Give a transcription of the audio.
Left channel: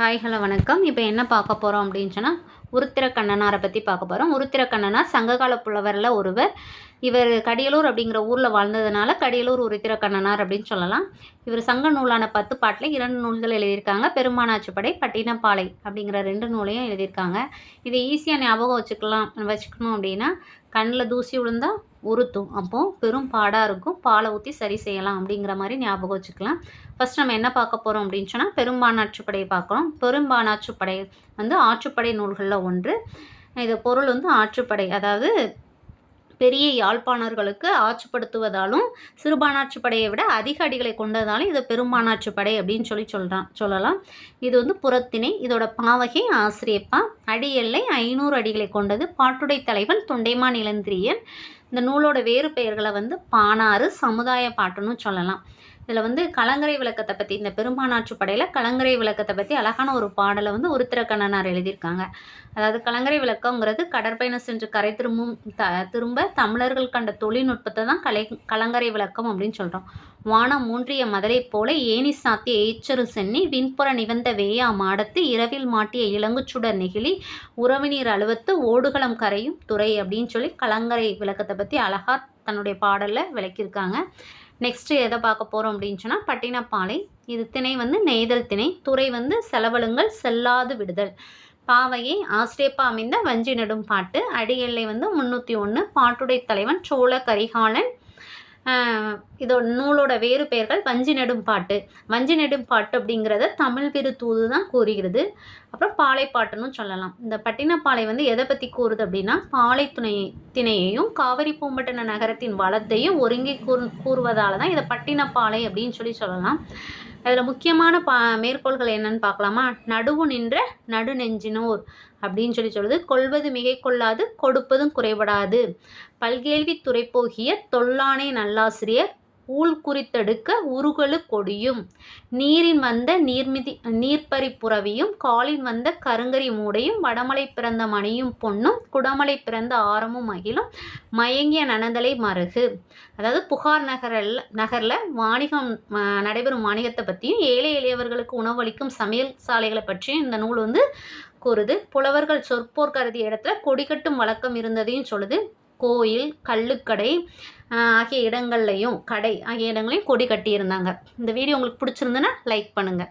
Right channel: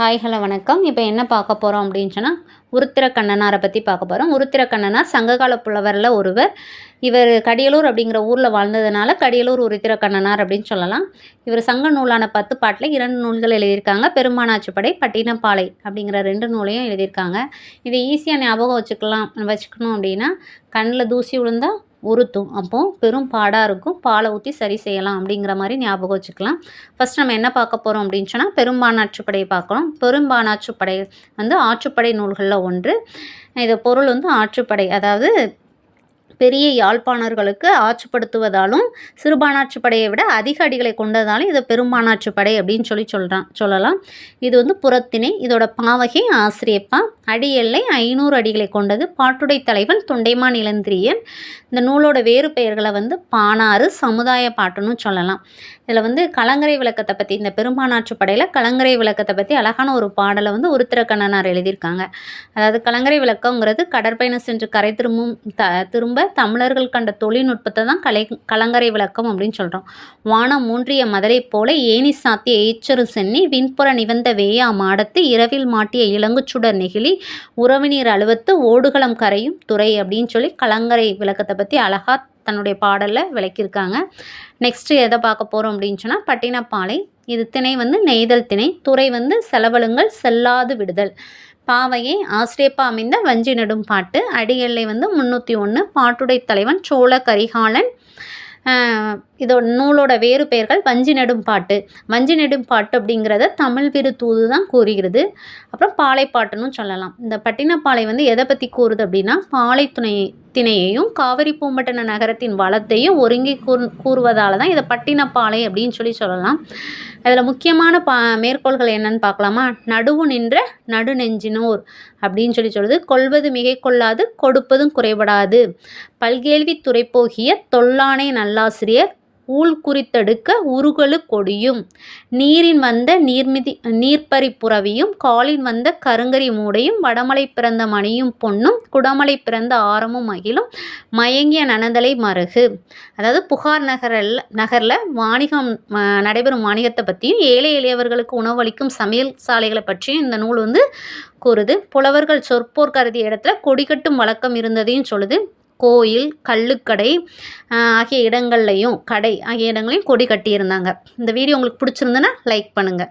Hi hello வணக்கம். இப்போ என்ன பார்க்க போகிறோம் அப்படின்னு சொன்னால், உருத்திர கண்ணனாரை பற்றி பார்க்க போகிறோம். உருத்திர கண்ணனார் சங்ககால புலவரில் ஒருவர். இவர் கடியலூர் அப்படிங்கிற ஊரில் வாழ்ந்ததுனால கடியலூர் உருத்திர கண்ணனார் அப்படின்னு சொல்லலாம். இவர் சங்க நூலான 10 பாட்டில் 2 நூல்கள் எழுதியிருக்காங்க. பெரும்பானாற்றுப்படை, பட்டினப்பாலை அப்படிங்கிற 2 நூலையும் எழுதியிருக்காங்க. இதை ஈஸியாக ஞாபகம் வச்சுக்கணும் அப்படின்னா, கண்ணில் தூசி விழுந்தால் உறுத்தும், அப்போது பெரும் பாடாக இருக்கும், பாலை ஊற்றி சரி செய்யலாம் அப்படிங்கிற மாதிரி ஞாபகம் வச்சுக்கலாம். ஃபஸ்ட் நம்ம என்ன பார்க்க போகிறோம் அப்படின்னு சொன்னால், பெரும்பானாற்றுப்படையை பார்க்கலாம். பெரும்பானாற்றுப்படை ஆற்றுப்படை நூல்களில் ஒன்று. இது பொருள் ஆற்றுப்படை, அதாவது பெரிய யாழ்ப்பாணர்களுக்கு ஆட்சிப்படுத்துவதாலும் சிறுபானாற்றுப்படையை விட அதிக அடிகளை கொண்டதாலும் இதை பெரும்பானாற்றுப்படை அப்படின்னு சொல்லலாம். இது புறத்திணை. இதோட பாவகை ஆசிரியப்பா. அடி எல்லை 500 அடிகளை கொண்டது. பாட்டுடை தலைவன் தொண்டைமான் இளந்திரியன். இந்த நூலோட வேறு பெயர்களை பாணாறு, சமுதாய பாட்டுன்னு சொல்லலாம். இதில் கலங்கரை விளக்கத்தை பற்றி, இந்த பெரும்பானாற்றுப்படையில் கலங்கரை விளக்கத்தை பற்றி அழகான ஒரு பாடலை உருத்திர கண்ணனார் எழுதியிருக்காங்க. அதாவது கலங்கரை விளக்கங்கிறது கடற்பயணம் சென்று கரை திரும்ப தமிழர்கள் கண்ட தொழில்நுட்பத்தை தான் கலங்கரை விளக்கம் அப்படின்னு சொல்கிறோம். வானம் மூன்றிய மதலை போல ஏனி சாத்திய ஏச்சரு சென்னி விண்புற நிவந்த வேயா மாடத்து இரவில் மாட்டிய இளங்குச்சுடர் நெகிழி உறவினீர் அலுவத்து ஓடுகளம் கரையும் துறை அப்படின்னு சொல்லி கலங்கரை விளக்கத்தை பற்றி அழகாக தன்னுடைய பாடலில் விளக்கியிருக்காங்க. நெக்ஸ்ட்டு எதை பார்க்க போகிறோம் அப்படின்னு சொன்னால், பட்டினப்பாலை. இது திணை நெய்தல் திணை. துறை செலவழுங்கல் செல்லாது விடுதல். பாவையை ஆசிரியப்பா அமைந்த வஞ்சி நெடும் பாட்டு. அடியெல்லை 301. பாட்டுடை தலைவன் சோழ கரிகாலன். இதோட நூலோட வேறு பெயர்கள் வஞ்சி நெடும் பாட்டு. வஞ்சி நெடும் பாட்டு அப்படிங்கிறத தமிழ் விரு தூது தான் கூறுகிறது. அப்புறம் பாலைப்பாட்டுன்னு சொல்லலாம். இந்த பட்டினப்பாலை எதை பற்றி கூறுது அப்படின்னா, பாலை திணையையும் காவிரி பூம்பட்டின நகரத்தின் வளத்தையும் ஒருங்கி கூறுவதால் தான் இதை பட்டினப்பாலை அப்படின்னு சொல்லலாம். அதில் முக்கியமான மேற்கோள்கள் என்னன்னு பார்க்கலாமா? நடுவு நின்ற நடுநெஞ்சினோர் அப்படின்னு சொல்லுது. கொள்வது மிகை கொள்ளாது, கொடுப்பதும் குறைபடாது. பல்கேள்வி துறைப்போகிய தொல்லானை நல்லாசிரியர் ஊழ் குறித்தடுக்க உருகலு கொடியும் நீரின் நீர்ப்பறி புறவியும் காலின் கருங்கரி மூடையும் வடமலை பிறந்த மணியும் பொன்னும் குடமலை பிறந்த ஆரமும் மகிழும் மயங்கிய நனந்தலை மருகு. அதாவது புகார் நகரில் வாணிகம் நடைபெறும் வாணிகத்தை பற்றியும் ஏழை எளியவர்களுக்கு உணவளிக்கும் சமையல் சாலைகளை பற்றியும் இந்த நூல் கூறுது. புலவர்கள் சொற்போர் கருதிய இடத்துல கொடி கட்டும் வழக்கம் இருந்ததையும் சொல்லுது. கோயில், கள்ளுக்கடை ஆகிய இடங்கள்லையும் கொடி கட்டியிருந்தாங்க. இந்த வீடியோ உங்களுக்கு பிடிச்சிருந்துன்னா லைக் பண்ணுங்கள்.